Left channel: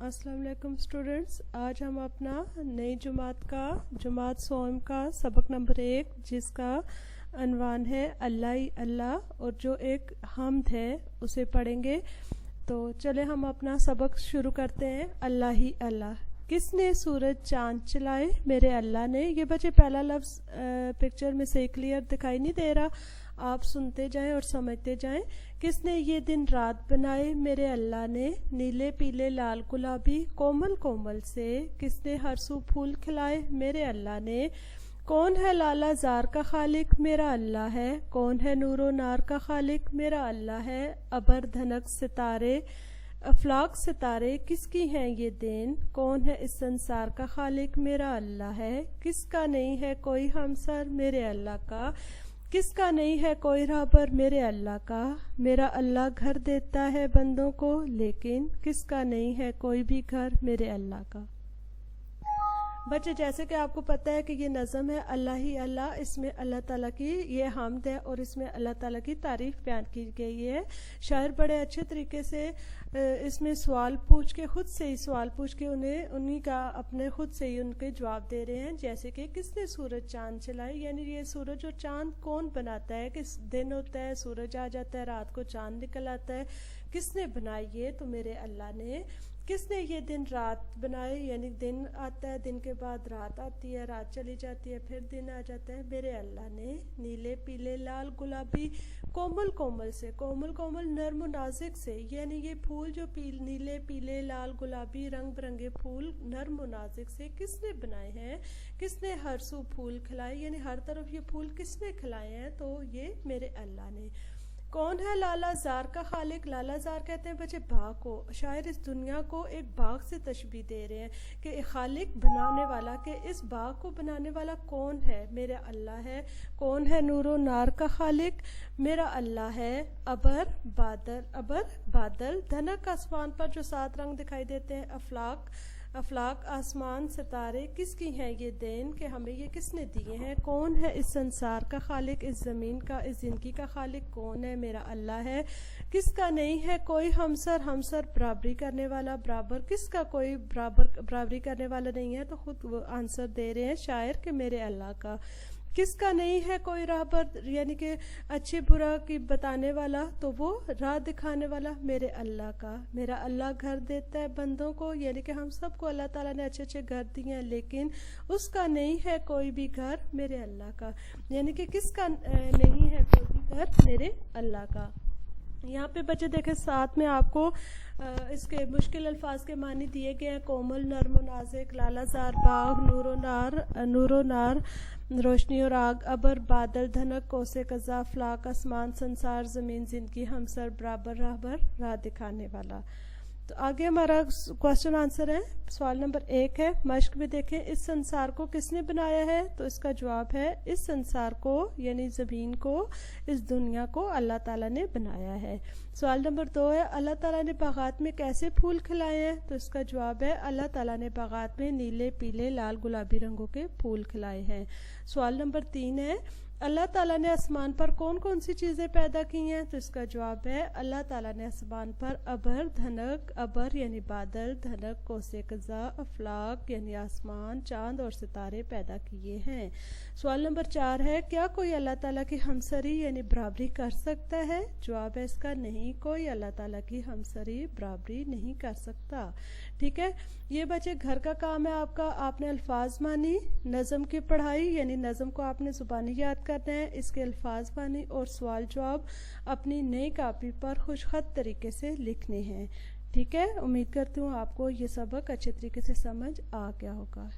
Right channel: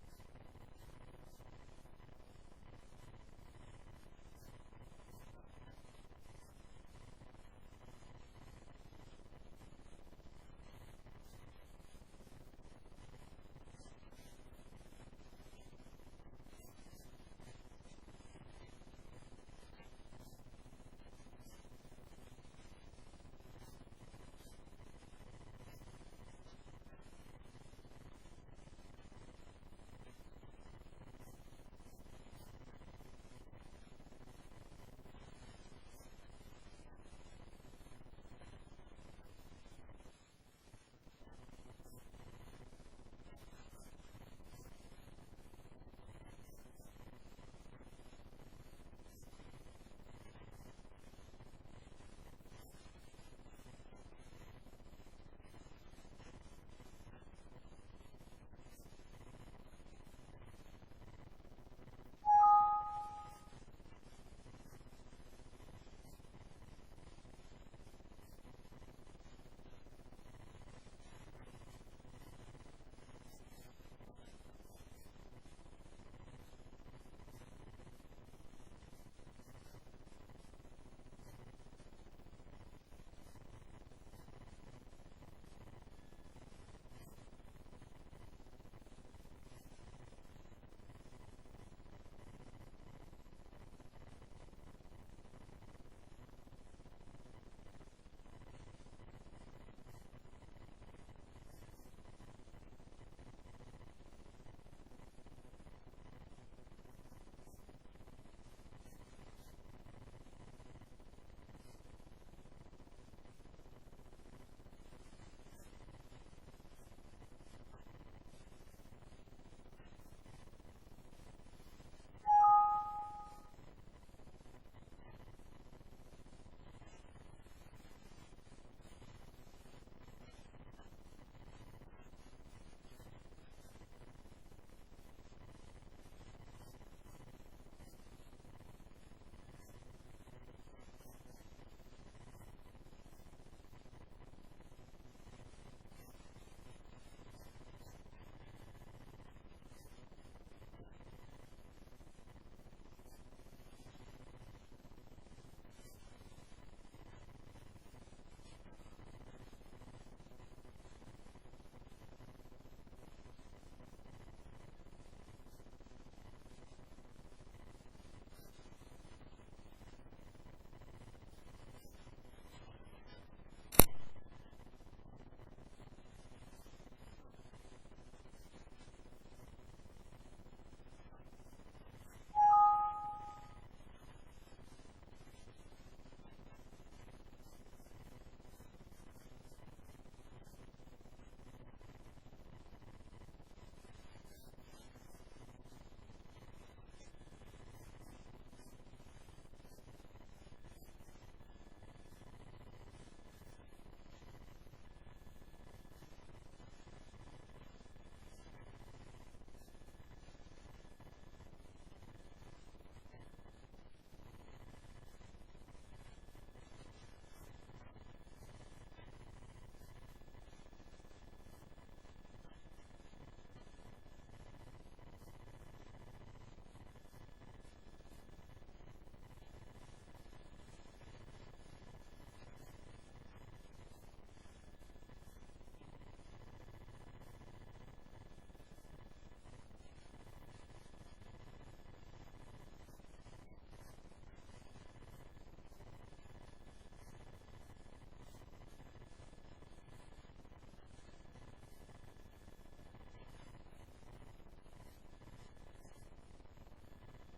अस्सलाम वालेकुम स्टूडेंट्स। आज हम अपना नई जमात सोम का सबक नंबर 1 जिसका अनवान है अल्लाह ही अल्लाह और जो एक हम्द है उसे पढ़ेंगे। तो चले हम अपना सबक शुरू करते हैं। अल्लाह ही अल्लाह। किसने सूरज चांद चलाए? मेरे अल्लाह ने। ये बच्चे पहला लफ्ज़ पिक्चर में से क्लियर दिखाई नहीं दे रहा, आप सुनते जाएं और समझते जाएं। किसने ये दिन रात बनाए? मेरे अल्लाह ने। नीले पीले लाल गुलाबी कोमल कोमल से किसने हर सू फूल खिलाए? मेरे अल्लाह ने। कौन है लाला जार का खालिक? मेरा अल्लाह है। कौन है नूरो नार का खालिक? मेरा अल्लाह है। अबर धनक सितारे अफलाक सितारे किसकी हैं ये देन? कौन है इस संसार का खालिक? मेरा अल्लाह है। किसका नहीं है कोई हमसर? मेरे अल्लाह का। किसका नहीं है कोई राहबर? मेरे अल्लाह का। मेरा अल्लाह घर देता है बंदों को, लेकिन किसका नहीं है कोई भी घर? मेरे अल्लाह का। बच्चे जैसे कि आपको पता है कि ये नज़म है अल्लाह ही अल्लाह, इसमें अल्लाह ताला की ये हम्द है और इसमें अल्लाह ताला की तारीफ़ बयान की गई है। शायर बड़े अच्छे तरीके से इसमें सवाल पूछ के खुद से ही सवाल पूछ के उन्हीं का अपने खुद से ही उनके जवाब दे रहे हैं। जैसे कि किसने सूरज चांद चलाए, यानी ये सूरज और चांद कौन बनाता है? किस दिन होता है सूरज आ जाता है, रात को चांद निकल आता है, किसने बनाई ये? तो मेरे अल्लाह ने। किसने ये दिन रात बनाए, यानी दिन आता है, दिन के बाद रात आती है, रात चली जाती है, फिर दिन आ जाता है, मेरे अल्लाह ने। नीले पीले लाल गुलाबी कोमल कोमल से, कोमल कोमल नर्म नाजुक से, यानी ये फूल जो नीले पीले लाल गुलाबी रंग बिरंगे फूल नर्म नाजुक से किसने बनाए हैं? किसने हर सू फूल खिलाए, यानी हर तरफ ये फूल किसने खिलाए हैं? तो ये मेरे अल्लाह ने। कौन है लाला जार का खालिक? लाला जार कहते हैं बच्चे बाग को। शायर इस दुनिया को एक बाग से तशबीह दे रहे हैं कि खालिक बनाने वाला, कि इस बाग को बनाने वाला कौन है? मेरा अल्लाह है। कौन है नूरो नार का खालिक? मेरा अल्लाह है। अबर बादल धनक आसमान पर जो 7 रंग दिखाई देते हैं, अफलाक आसमान सितारे किसकी हैं ये देन, कि हमें ये किसने दिए हैं? कौन है इस संसार का खालिक? इस ज़मीन का, इस ज़िंदगी का खालिक कौन है? मेरा अल्लाह है। किसका नहीं है कोई हमसर बराबरी करने वाला, बराबर किसका कोई बराबरी करने वाला नहीं है? तो खुद वो आंसर दे रहे हैं शायर कि मेरे अल्लाह का। किसका नहीं है कोई राहबर, यानी कि अच्छे बुरा की बताने वाला, तो वो राह दिखाने वाला मेरे अल्लाह का। मेरा अल्लाह घर देता है बंदों को, यानी कि हम सबको अल्लाह ताला ने अच्छे अच्छे घर दिए हैं, लेकिन उसका नहीं है कोई भी घर मेरे अल्लाह का, यानी कि किसका नहीं है कोई भी घर? मेरे अल्लाह का। यहाँ पे बच्चे देखें साथ में आपको इसके मुश्किल अल्फाज के मानी दिए गए हैं। कोमल नर्म नाज़िक, लालाजार बाग, नूरो नार रोशनी और आग, अबर बादल धनक कोसे कज़ा, फ्लाक आसमान संसार ज़मीन ज़िंदगी हमसर बराबर राहबर राह दिखाने वाला। तो आगे हमारा क्वेश्चन आंसर है। सवाल नंबर 1 है, मश्क में देखें इस संसार को किसने बनाया है? तो इसका जवाब है इस संसार को, यानी ज़मीन को, इस दुनिया को अल्लाह ताला ने बनाया है। सवाल नंबर 2 है, अल्लाह ताला ने बागात में कैसे फूल खिलाए हैं? तो इसका जवाब है अल्लाह ताला ने बागात में नीले पीले लाल गुलाबी रंगों के फूल खिलाए हैं। सवाल नंबर 3 है, अल्लाह ताला ने आसमान पर कौन कौन सी चीज़ें पैदा की हैं? तो इसका जवाब है अल्लाह ताला ने आसमान पर अबर यानी बादल, धनक कोसे कज़ा, अफलाक यानी आसमान, चांद और सितारे पैदा किए हैं। सवाल नंबर 4 है, क्या कोई अल्लाह ताला की हमसरी यानी बराबरी कर सकता है? जवाब है इसका नहीं, कोई अल्लाह ताला की हमसरी बराबरी नहीं कर सकता। ठीक है, ये बच्चे घर का काम है आपका। आपने अल्फाज मानी, नज़म की पढ़ाई, यानी नज़म को आपने ज़ुबानी याद करना है, इसके अल्फाज मानी और सवाल जवाब अपनी नई कापी पर खुशखत तरीके से लिखने हैं। ठीक है, उम्मीद करती हूँ आपको ये सबक अच्छे तरीके से समझ आ गया होगा।